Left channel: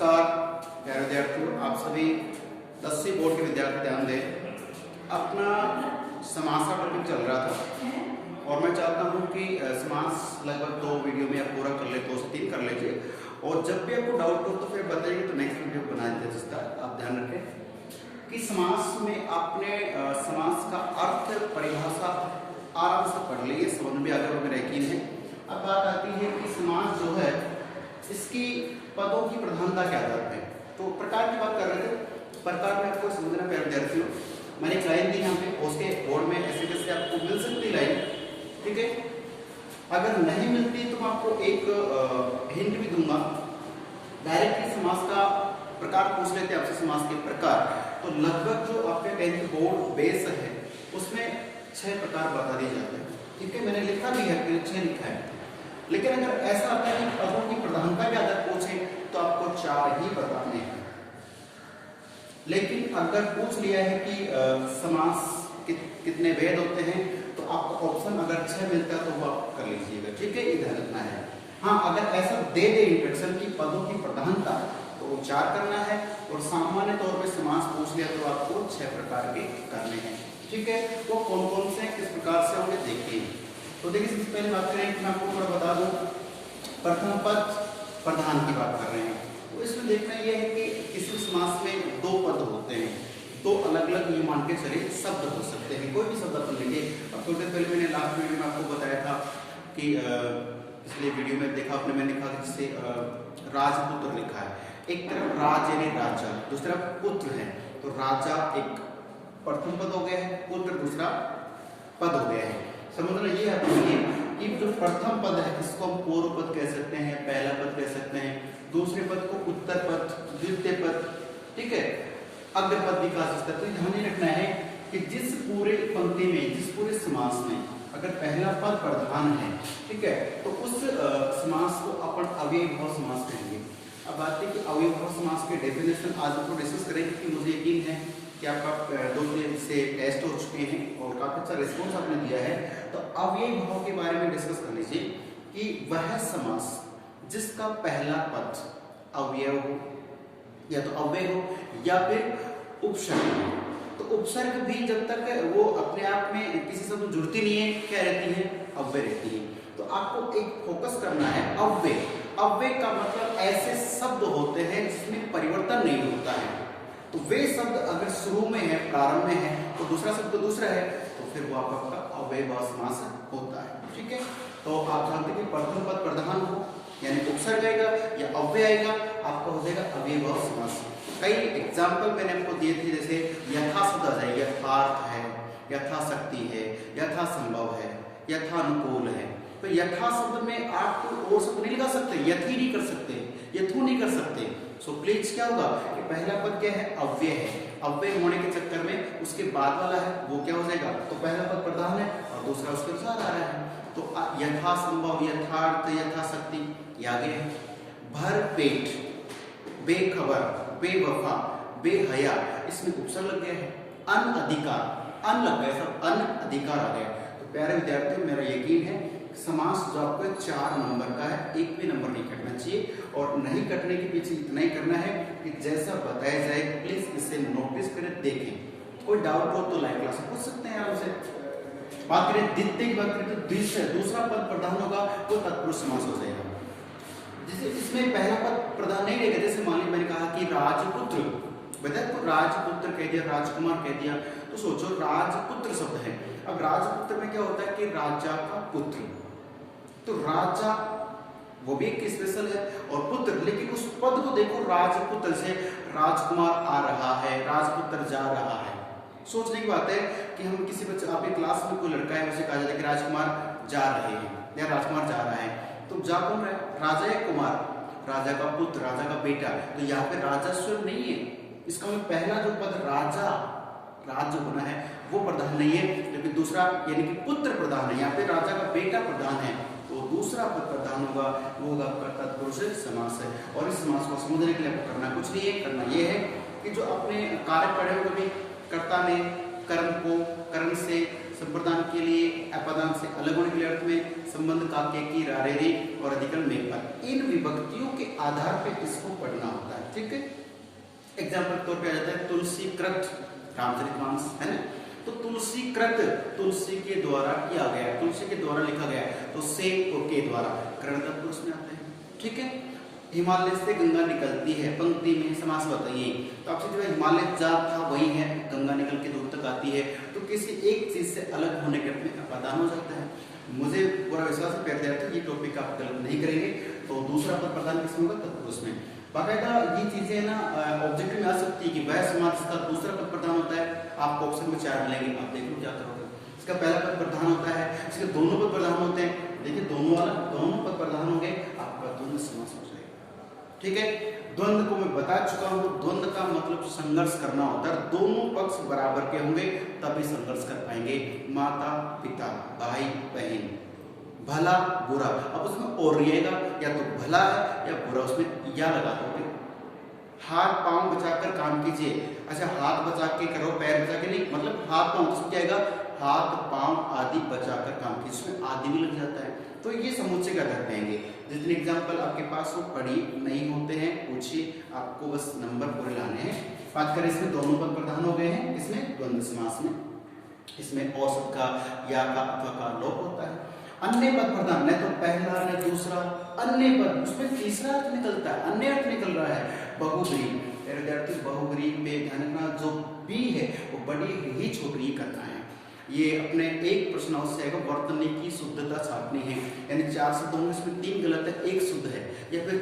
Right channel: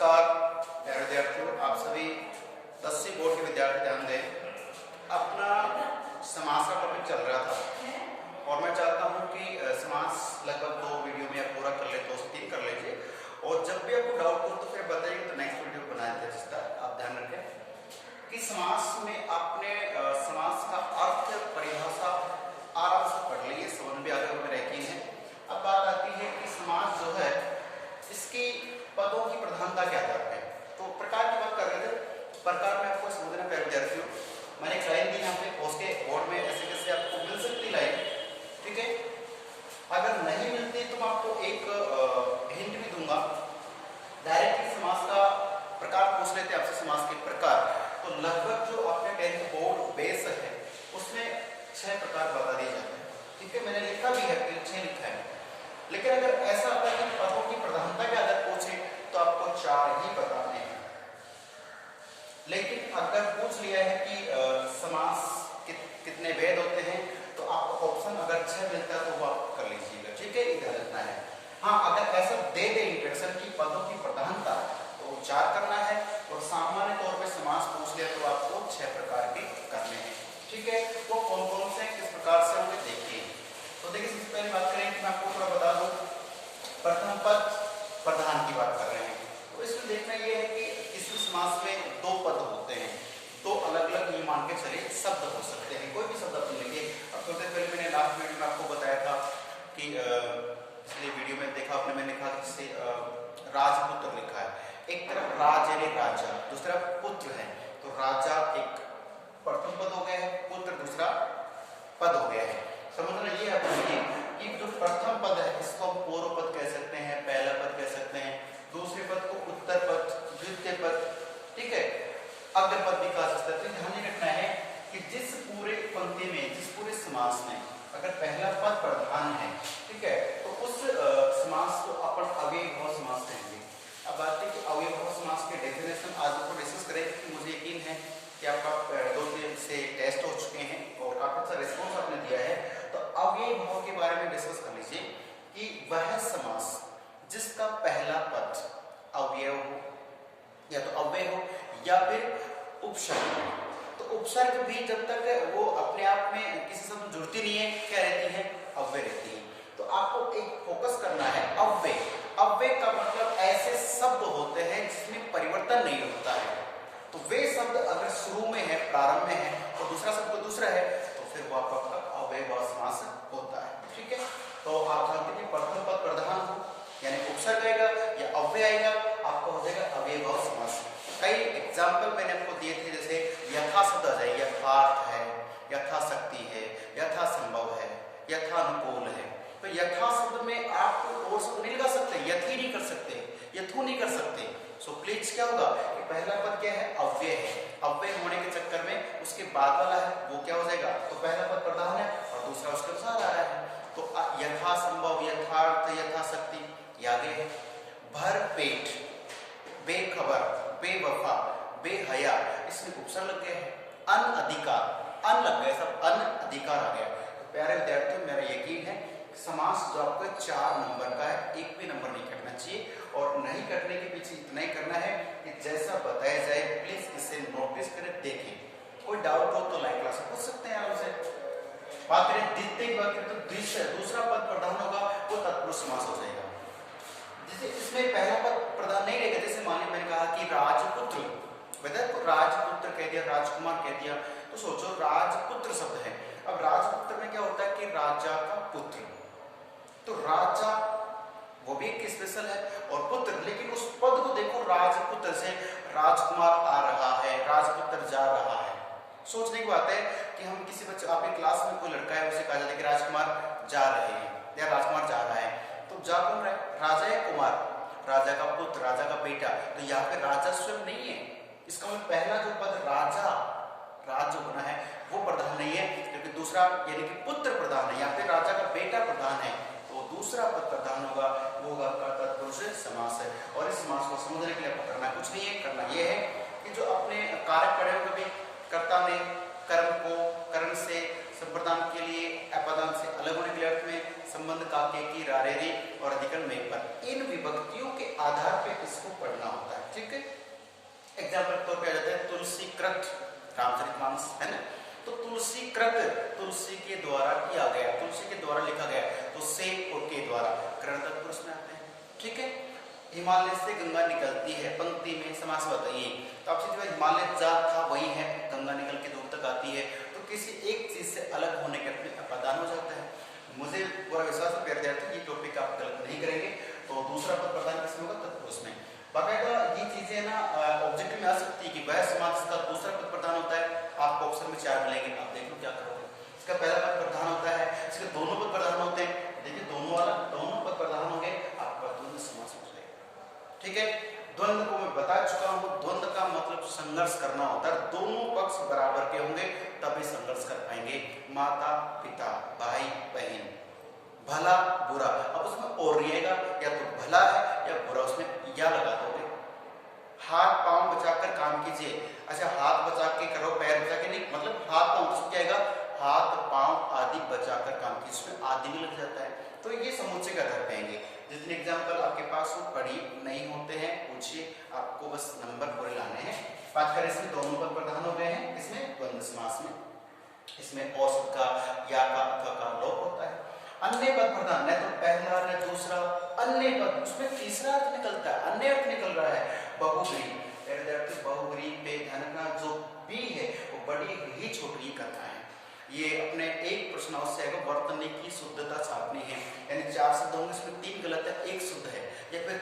नमस्कार प्यारे विद्यार्थियों, आप सभी 10वीं बोर्ड के विद्यार्थी ध्यान दें। अपना समास का टॉपिक चल रहा था और मैं चाहता हूं कि समास लगभग 2 वीडियो में आप पूरा कर ले, 2 से 3 कर लीजिए। और जब भी आपको डाउट हो तो फिर बताइए, तो नेक्स्ट वीडियो बना देते, जिसका आप ध्यान रखें कि समास में आपने समास का अर्थ परिभाषा आराम से पढ़ ली, समझ में आगे मेरा यकीन है। अब बात आती है कि समास जो है इसकी पदों की प्रधानता क्या जाते हैं। तो प्रकार की बात कर रहे थे, प्रकार में आपको समझना प्यारे विद्यार्थियों। मैंने एक लाइन दी यहाँ पे उसके बोर्ड में, ऐसे जैसे आपको मिल सकती लाइन, ठीक है। अगर नहीं मिलती तो मैं आपको एक हिंट भी दूंगा। डायरेक्टली समास का प्रकार पूछ लेते हैं आपसे, समास के प्रकार। तो लगभग जो आपके 10th बोर्ड बेस है उसमें 6 प्रकार बता दिए जाते हैं, ठीक है। मैंने लिखा भी है, 6 लिखा है। लेकिन अगर ऐसा आता है कि पदों की प्रधानता क्या अगर पूछे तो आपको 4 ही बताने हैं। लेकिन अगर पूछ लिया है कि समास कितने भेद होते हैं तो आपको ऑप्शन अगर 6 मिलता है तो वो आप कर लीजिएगा, ठीक है। इधर रखना है। हाँ, अगर ऐसा दे दे इंट्रोडक्शन की पदों की प्रधानता तो 4 करना है। और सामान्य तौर पे समास पूछ लिया तो आपको 6 प्रकार के करने हैं, ठीक है। तो कौन कौन से किस प्रकार से होंगे देखिए। तो देखिए, सबसे पहले बात करें कि मैं आपको थोड़ा बता दूं, प्रथम पद प्रधान की बात कर रहे हैं। तो इसमें देखना यह है कि किसी समास में 2 पद होते हैं, 2 अलग अलग मान के चले शब्द हो सकते हैं, कोई भी शब्द अपन लेंगे। अब थोड़ी देर पहले मैंने लास्ट वीडियो में आपको बताया था कि इसलिए वीडियो में देखा आपने, मैंने कहा जिससे राजपुत्र लिखा है। एक तरफ राज यानी राजा, दूसरा पुत्र है। तो राजा एक प्रथम पद हो गया है, पुत्र दूसरा पद हो गया है। समझना ये है कि जो प्रथम पद है इसको हम पूर्व पद कह सकते हैं, पहला पद कह सकते हैं, दूसरे पद को उत्तर पद, द्वितीय पद, ठीक है, अग्र पद भी कह सकते हैं। तो ध्यान ही रखना है कि जिस पूरे पंक्ति में, जिस पूरे समास में अगर पहला पद प्रधान है, ठीक है, तो उस समास को अपन अव्ययभाव समास कहेंगे। अब बात है कि अव्ययभाव समास के डेफिनेशन आज आपको डिस्कस करेंगे, कि मुझे यकीन है कि आपका 2 दिन से टेस्ट हो चुके हैं और काफी अच्छा रिस्पॉन्स आपने दिया है। तो अव्ययभाव के बारे में डिस्कस कर लीजिए कि वह समास जिसका पहला पद अव्यय हो, या तो अव्यय हो या फिर उपसर्ग हो। तो उपसर्ग भी जब तक वो अपने आप में किसी से तो जुड़ती नहीं है, क्या रहती है, अव्यय रहती है। तो आपको एक फोकस करना है अव्यय। अव्यय का मतलब ऐसे शब्द होते हैं जिसमें परिवर्तन नहीं होता है। तो वे शब्द अगर शुरू में है, प्रारंभ में है, तो दूसरा शब्द दूसरा है, तो फिर वो आपका अव्ययभाव समास होता है, ठीक है। तो आप जानते हैं कि प्रथम पद प्रधान हो यानी उपसर्ग आएगा या अव्यय आएगा, आपका हो जाएगा अव्ययभाव समास। कई एग्जाम्पल मैंने आपको दिए थे, जैसे यथा शब्द है, यथार्थ है, यथाशक्ति है, यथासंभव है, यथानुकूल है। तो यथा शब्द में आप कोई और शब्द नहीं लगा सकते, यथी नहीं कर सकते, यथु नहीं कर सकते। सो प्लीज क्या होगा कि पहला पद क्या है, अव्यय है। अव्यय होने के चक्कर में उसके बाद वाला है वो क्या हो जाएगा, तो पहला पद प्रधान है और दूसरा उसके अनुसार आ रहा है। तो यथासंभव, यथार्थ, यथाशक्ति ये आगे है। भर पेट, बेखबर, बेवफा, बेहया, इसमें उपसर्ग लग गया है। अन अधिकार, अन लग गया, सब अन अधिकार आ गया। तो प्यारे विद्यार्थियों, मेरा यकीन है समास जो आपको 4 नंबर का है, एक भी नंबर नहीं कटना चाहिए। और नहीं कटने के पीछे इतना ही करना है कि जैसा बताया जाए प्लीज इसे नोटिस करें, देखें। कोई डाउट हो तो लाइव क्लास में पूछ सकते हैं आराम से। बात करें द्वितीय की बात करें तो दूसरा पद प्रधान होगा वो तत्पुरुष समास हो जाएगा। जैसे इसमें पहला पद प्रधान नहीं रहेगा, जैसे मान लीजिए मैंने कहा कि राजपुत्र, बताया तो राजपुत्र कह दिया, राजकुमार कह दिया। तो सोचो राजपुत्र शब्द है। अब राजपुत्र में क्या होता है कि राजा का पुत्र, तो राजा वो भी एक स्पेशल है और पुत्र, लेकिन उस पद को देखो, राजपुत्र से राजकुमार आ रहा है, राजपुत्र जा रहा है। सोचने की बात है कि हम किसी बच्चे, आपकी क्लास में कोई लड़का है, उसे कहा जाता है कि राजकुमार जा रहे हैं या राजकुमार जा रहा है, तो जा कौन रहा है, राजा या कुमार, राजा का पुत्र, राजा का बेटा। तो यहाँ पे राजा स्वयं नहीं है, इसका मतलब पहला जो पद राजा, राज जो बना है वो प्रधान नहीं है, लेकिन दूसरा यानी कि पुत्र प्रधान है। यहाँ पे राजा का बेटा प्रधान है, तो दूसरा पद प्रधान होगा, वो होगा तत्पुरुष समास है। और इस समास को समझने के लिए आपको करना कुछ नहीं है, करना ये है कि जो अपने कारक पढ़े हुए भी, कर्ता ने कर्म को कर्म से संप्रदान के लिए अपदान से अलग होने के लिए अर्थ में, संबंध का की रारेरी और अधिकरण में पर, इन विभक्तियों के आधार पर इसको पढ़ना होता है। ठीक है, एग्जाम्पल के तौर पे आ जाता है तुलसी कृत रामचरितमानस, है ना। तो तुलसी कृत, तुलसी के द्वारा किया गया, तुलसी के द्वारा लिखा गया, तो से के द्वारा करण तत्पुरुष में आते हैं। ठीक है, हिमालय से गंगा निकलती है, पंक्ति में समास बताइए। तो आपसे जो हिमालय जा था वही है, गंगा निकल के दूर तक आती है, तो किसी एक चीज से अलग होने के अर्थ में अपदान हो जाता है। मुझे पूरा विश्वास है प्यारे विद्यार्थी ये टॉपिक आप गलत नहीं करेंगे। तो दूसरा पद प्रधान किसमें होगा, तत्पुरुष में। बाकायदा ये चीजें ना ऑब्जेक्टिव में आ सकती है कि वह समाज का दूसरा पद प्रधान होता है, आपको ऑप्शन में 4 मिलेंगे, आप देख लो क्या करोगे। इसका पहला पद प्रधान होता है, इसके दोनों पद प्रधान होते हैं, देखिए दोनों वाला, दोनों पद प्रधान होंगे, आपका द्वंद्व समास हो जाएगा। ठीक है, द्वंद्व को मैं बता चुका हूं, द्वंद्व का मतलब संघर्ष करना होता है, दोनों पक्ष बराबर के होंगे तभी संघर्ष कर पाएंगे। माता पिता, भाई बहन, भला बुरा, अब उसमें और रहेगा, या तो भला है या बुरा, उसमें या लगा दोगे। हाथ पांव बचाकर काम कीजिए, अच्छा हाथ बचा के करो, पैर बचा के नहीं, मतलब हाथ पांव तो क्या आएगा, हाथ पांव आदि बचाकर काम कीजिए, इसमें आदि भी लग जाता है। तो ये समुच्चय का घर कहेंगे। जितने एग्जाम्पल आपके पास हो पढ़ी नहीं होते हैं पूछिए, आपको बस नंबर पूरे लाने हैं। बात करें इसमें दोनों पद प्रधान हो गए हैं, इसमें द्वंद्व समास में, इसमें औसत का, या का, अथवा का लोप होता है। अन्य पद प्रधान, न तो पहला न दूसरा, अन्य पद, उसमें तीसरा अर्थ निकलता है, अन्य अर्थ निकल रहा है। बहुब्री, विद्यार्थी बहुब्री पे ध्यान रखना, जो बी है वो बड़ी ही छोटी करता है। ये अपने एक प्रश्न अवश्य आएगा, वर्तनी की शुद्धता छापनी है, यानी 4 शब्द होंगे, इसमें 3 गलत है, 1 शुद्ध है, या फिर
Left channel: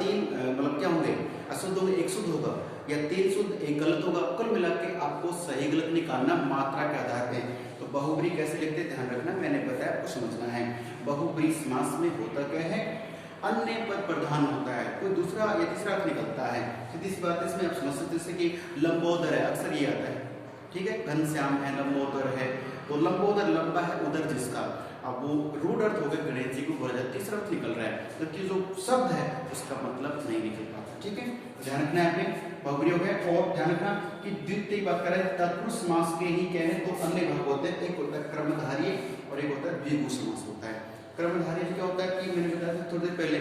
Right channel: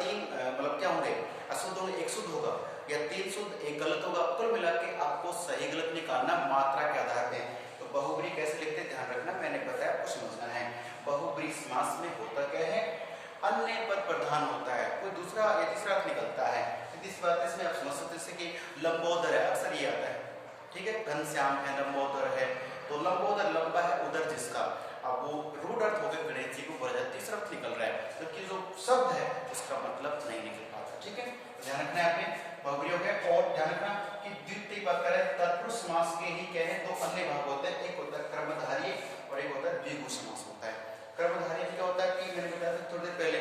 3 मतलब क्या होंगे, अशुद्ध होंगे, 1 शुद्ध होगा, या 3 शुद्ध 1 गलत होगा, कुल मिला के आपको सही गलत निकालना मात्रा के आधार पे। तो बहुब्री कैसे लिखते हैं ध्यान रखना, मैंने बताया आपको समझना है। बहुब्री समास में होता क्या है, अन्य पद प्रधान होता है, कोई दूसरा या तीसरा अर्थ निकलता है। सीधी सी बात इसमें आप समझ सकते, जैसे कि लंबोदर है, अक्सर ये आता है। ठीक है, घनश्याम है, लंबोदर है, तो लंबोदर लंबा है उधर जिसका, अब वो रूट अर्थ हो गया गणेश जी को बोला जाए, तीसरा अर्थ निकल रहा है, जबकि जो शब्द है उसका मतलब नहीं निकल पाता। ठीक है, ध्यान रखना है आपने, बहुब्री हो गया। और ध्यान रखना कि द्वितीय बात करें तत्पुरुष समास के ही क्या है, तो अन्य भाग होते हैं, एक होता है कर्मधारय और एक होता है द्विगु समास होता है। कर्मधारय क्या होता है कि मैंने बताया थोड़ी देर पहले,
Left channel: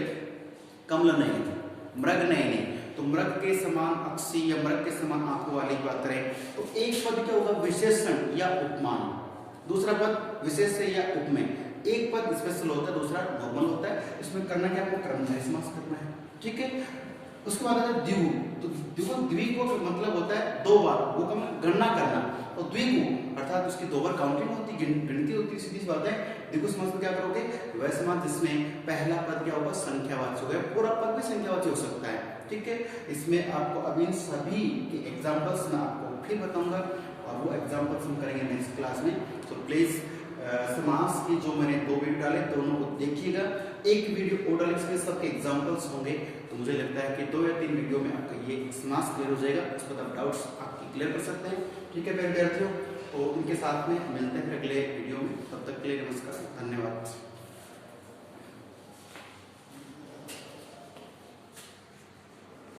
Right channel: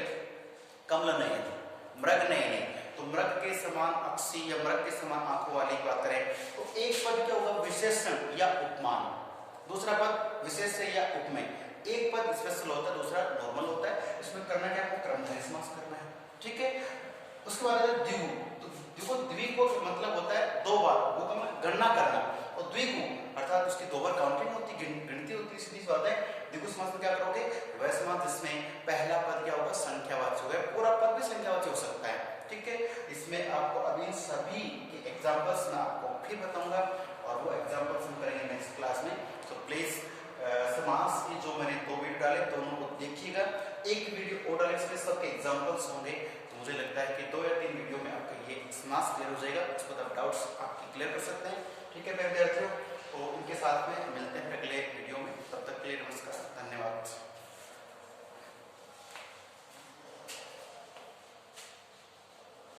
कमल नहीं है, मृग नहीं, तो मृग के समान अक्षी या मृग के समान आंखों वाली बात करें तो एक पद क्या होगा, विशेषण या उपमान, दूसरा पद विशेषण या उपमेय, एक पद स्पेशल होता है, दूसरा नॉर्मल होता है। इसमें करना क्या, आपको कर्मधारय समास करना है। ठीक है, उसके बाद है द्विगु, तो द्विगु का मतलब होता है 2 बार, वो का गणना करना, और द्विगु अर्थात उसकी 2 बार काउंटिंग होती, गिनती होती, सीधी बात है। द्विगु समास में क्या करोगे, वह समास जिसमें पहला पद क्या होगा, संख्यावाची होगा, पूरा पद भी संख्यावाची हो सकता है। ठीक है, इसमें आपको अभी सभी के एग्जांपल्स मैं आपको फिर बताऊंगा, और वो एग्जांपल्स हम करेंगे नेक्स्ट क्लास में। तो प्लीज समास की जो मैंने 2 वीडियो डाले, दोनों को देखिएगा, एक वीडियो और डाले, इसमें सबके एग्जांपल्स होंगे। तो मुझे लगता है कि 2 या 3 वीडियो में आपका ये समास क्लियर हो जाएगा, इस पर आप डाउट्स आपकी क्लियर कर सकते हैं। ठीक है प्यारे विद्यार्थियों, तो उनके साथ में मिलते हैं अगले वीडियो में, तब तक के लिए नमस्कार, धन्यवाद।